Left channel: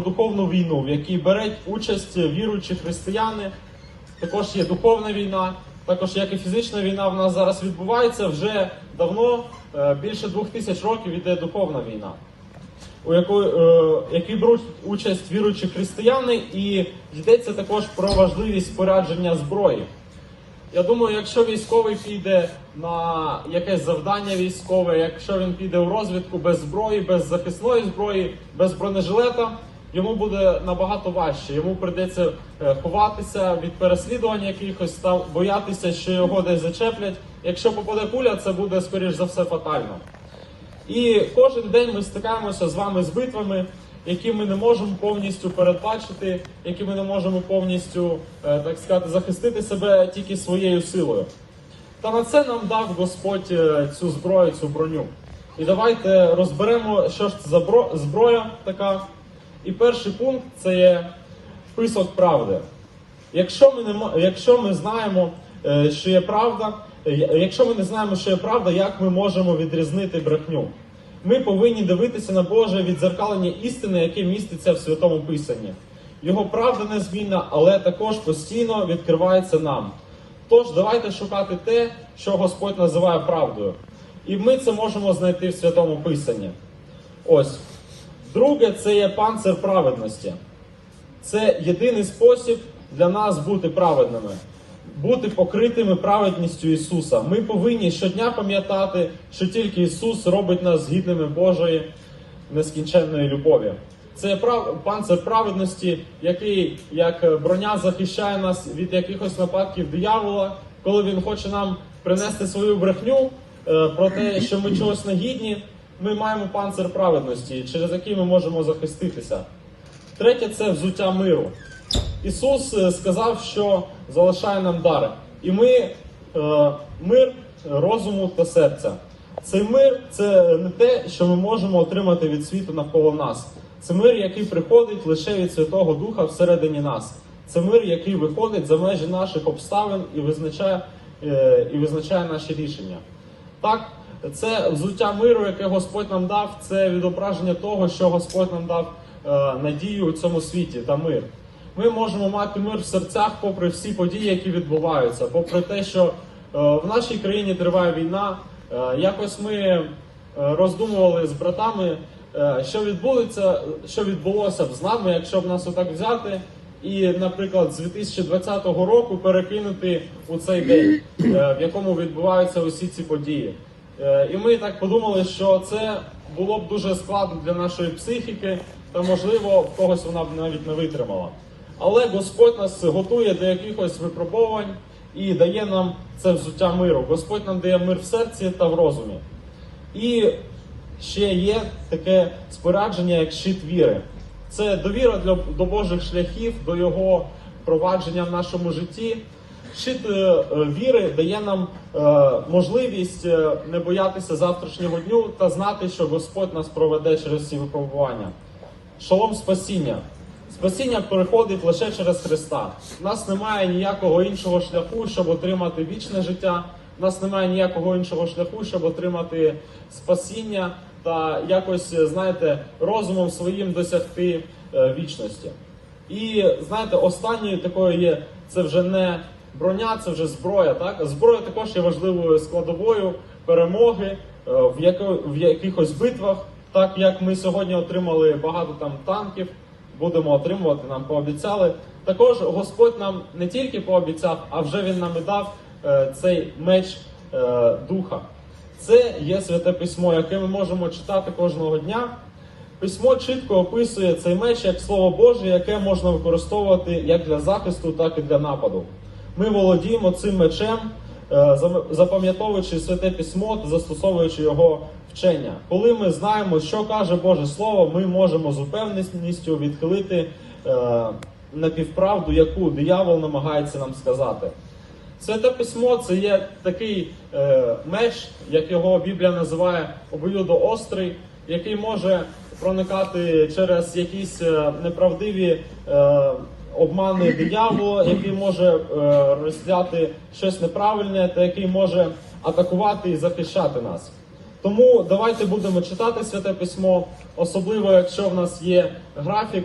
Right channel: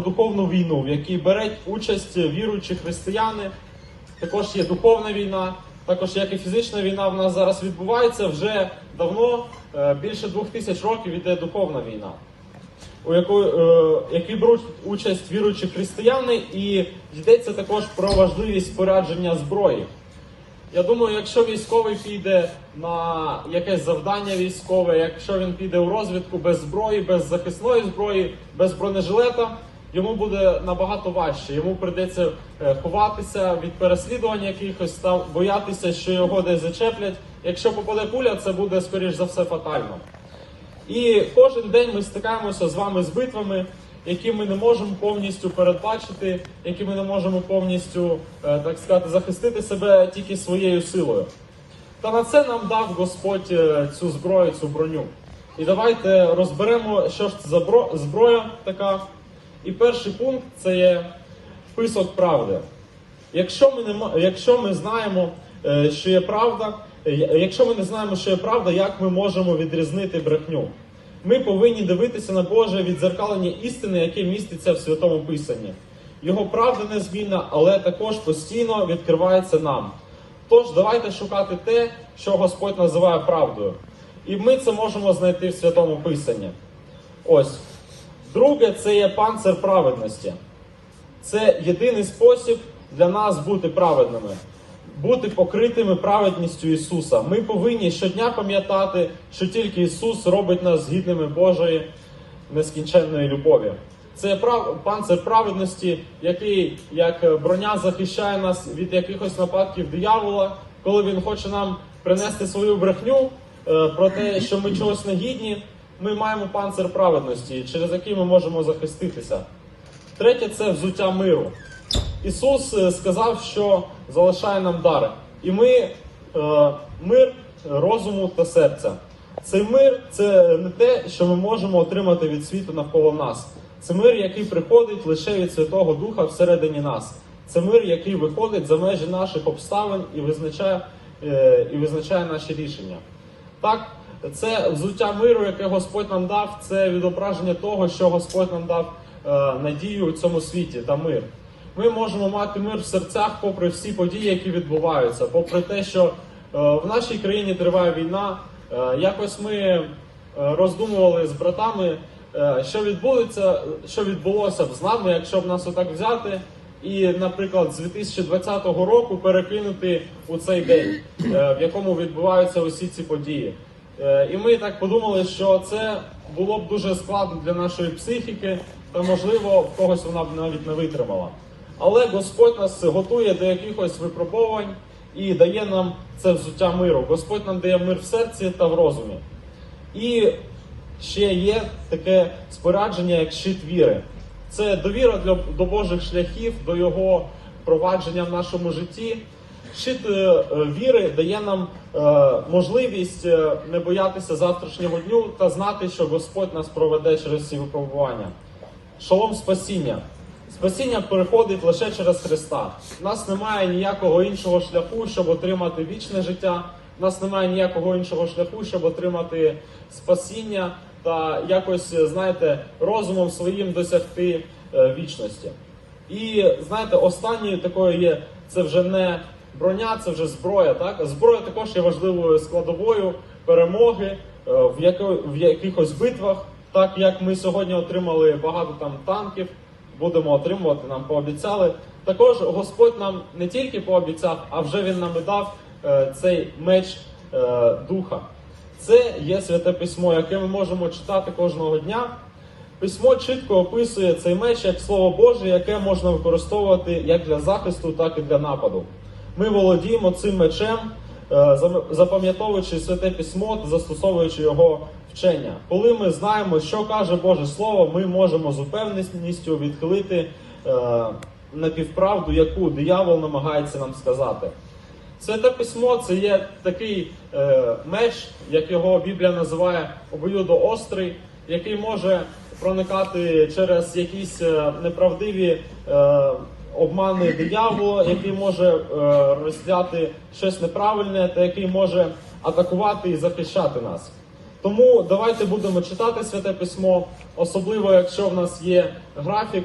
духовну війну, в якій беруть участь віруючі християни. Також є духовна війна, також як і фізична війна в нас зараз відбувається вже давно, е, більше двох тисяч років іде духовна війна, у е, якій беруть участь віруючі християни, і йдеться також про важливість спорядження зброї. Я думаю, якщо військовий піде на якесь завдання військове, якщо він піде у розвідку без зброї, без захисної зброї, без бронежилета, йому буде набагато важче. Йому прийдеться е, ховатися від переслідування якихось, та боятися, що його десь зачеплять. Якщо попаде куля, це буде скоріш за все фатально. І кожен день ми стикаємося з вами з битвами, які ми не можемо повністю передбачити, які ми не можемо повністю, е, так сказати, захистити себе тільки своєю силою. Та на це нам дав Господь е, цю зброю, цю броню. І давайте розберемо, що ж це за зброя така. І перший пункт це є список правди. Якщо ми не якщо ми знаємо, е, що є правда, е, якщо ми не знаємо, що є правда, як ми можемо відрізнити брехню? Ми повинні дивитися на Боже відзеркалення істини, яке міститься в святому писанні. Його правда незмінна, але також постійно відкривається нам. Тож давайте шукати те, що Господь називає правдою. І ми це можемо знайти в святому писанні. Ось. Друге, це є панцир праведності. Це єдиний спосіб для нас бути праведними, бути покритими праведністю Ісуса. Ми повинні щодня пам'ятати, що тільки Ісус робить нас гідними Божої нескінченної любові. Це прав... панцир праведності, який як броня захищає нас від якихось нападків диявола, коли він хоче нам принести свою брехню е, про те, що ми чогось не гідні. Ми маємо панцир праведності, через який ми можемо захиститися. Третє це взуття миру. Ісус е, сказав, що залишає нам дар. І ми е, мир розуму та серця. Цей мир це не те, що ми можемо отримати від світу навколо нас. Це мир, який приходить лише від Святого Духа всередині нас. Це мир, який виходить за межі наших обставин і визначає, е, і визначає наші рішення. Так, це взуття миру, яке Господь нам дав, це відображення того, що Господь нам дав е, надію у цьому світі та мир. Ми можемо мати мир в серцях, попри всі події, які відбуваються, попри те, що е, в нашій країні триває війна. Е, якось ми роздумували з братами, що відбудеться, що відбулося б з нами, якщо б нас отак взяти. І, наприклад, з 2020 року перекинути у цей день, в якому відбуваються усі ці події. Е, І ми так подумали, що це було б дуже складно для нашої психіки, та можливо когось вона б навіть не витримала. Але Господь нас готує до якихось випробувань і дає нам це взуття миру. Господь нам дає мир в серці та в розумі. І ще є таке спорядження, як щит віри. Це довіра до Божих шляхів, до Його провадження в нашому житті. Щит е, віри дає нам е, можливість е, не боятися завтрашнього дню та знати, що Господь нас проведе через ці випробування. Шалом спасіння. Спасіння приходить лише через Христа. У нас немає ніякого іншого шляху, щоб отримати вічне життя. У нас немає ніякого іншого шляху, щоб отримати спасіння та якось, знаєте, розумом своїм досягти вічності. І знаєте, останньою такою є це вже не броня, це вже зброя. Так зброя також є важливою складовою перемоги е, в, яко, в якихось битвах. Так як ми сьогодні отримали багато там танків, будемо отримувати, нам пообіцяли. Також Господь нам не тільки пообіцяв, а вже він нам дав е, цей меч е, духа. Це є святе письмо, яке ми можемо читати кожного дня. Письмо чітко описує цей меч як слово Боже, яке можна використовувати як для захисту, так і для нападу. Ми володіємо цим мечем, е, запам'ятовуючи святе письмо застосовуючи його вчення. Коли ми знаємо, що каже Боже Слово, ми можемо з упевненістю відхилити е, напівправду, яку диявол намагається нам сказати. Святе письмо це є такий е, меч, як його Біблія називає обоюдоострий, який може проникати через якісь е, неправдиві е, обмани диявола, який може е, роздяти щось неправильне, та який може атакувати і захищати нас. Тому давайте будемо читати святе письмо, особливо якщо в нас є графік